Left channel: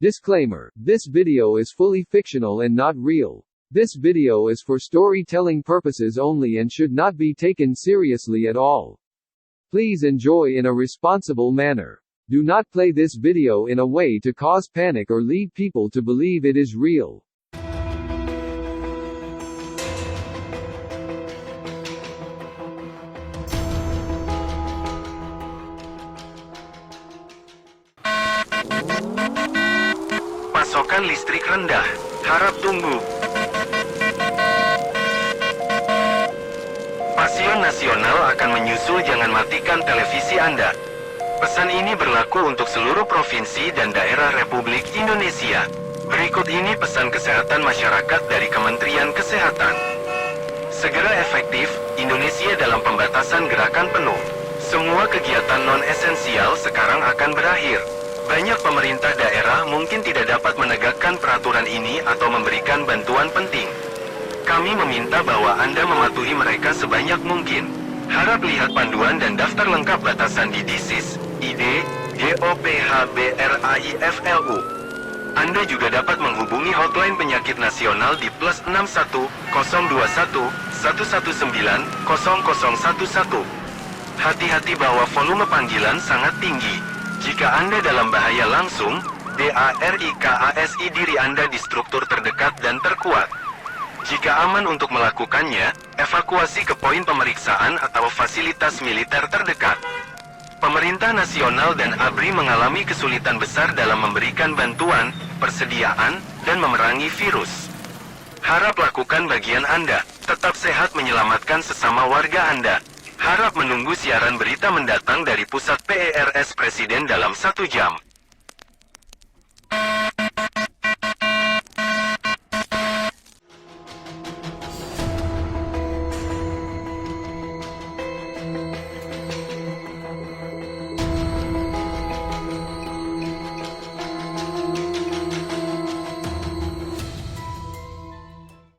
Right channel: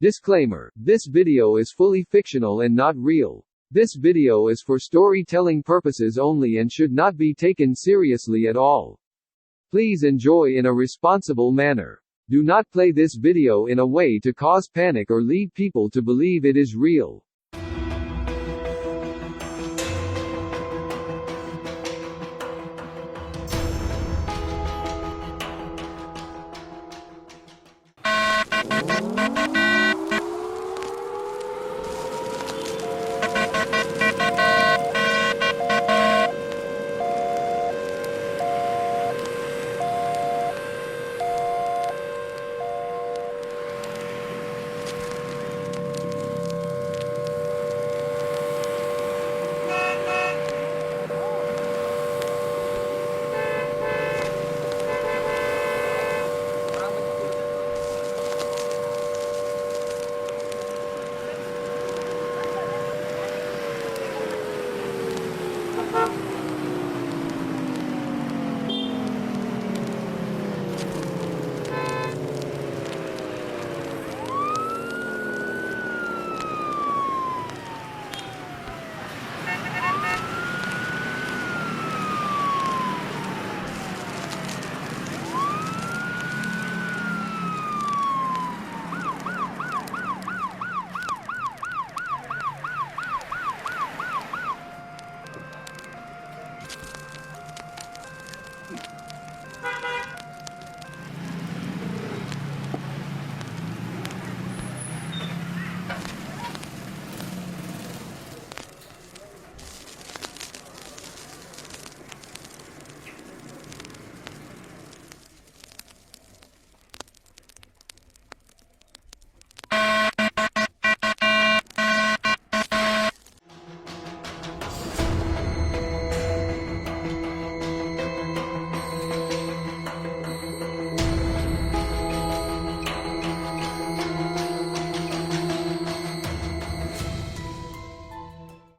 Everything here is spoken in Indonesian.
Disclaimer: this video is fully fictional and not real. This video is for storytelling purposes only and should not be taken seriously at all. Please enjoy in a responsible manner. Do not play this video in a way to cause panic or lead people to believe it is real. Pasokan listrik rendah, harap tunggu. Pasion nasional akan menyusul, jangan matikan televisi Anda. Pesan ini berlaku untuk seluruh provinsi dan daerah Republik Indonesia. Berikut ini pesan kesehatan masyarakat dari Kementerian Kesehatan. Segera efektif, Indonesia dalam pembatasan gerakan penuh. Semua kegiatan non-esensial sekarang akan berakhir. Banyak pemerintah daerah mungkin tidak dapat menegakkan peraturan ini atau memberikan bantuan penting. Kami meminta bahwa Anda mematuhi mereka sebanyak mungkin. Harap lihat panduan dan daftar lengkap batasan di DISIS, ID, DOPHBRAIFLU. Anda juga dapat menghubungi hotline penyakit nasional di +61 021 119 0011. Hati-hati bahwa volume panggilan sangat tinggi. Jika Anda dalam bahaya langsung, DARIKASI diri Anda di struktur terdekat dan terkuat. Jika aman untuk melakukannya, evakuasi ke poin pemeriksaan atau fasilitas militer terdekat. Pemerintah nasional dan ABRI mengalami kesulitan besar dalam memberikan bantuan, persediaan, dan memerangi virus. Harap lakukan bagian Anda, tetap sehat, menyelamatkan sesama warga Anda. Harap menunggu siaran berita mendatang dari Pusat PERS Presiden dalam 1 jam.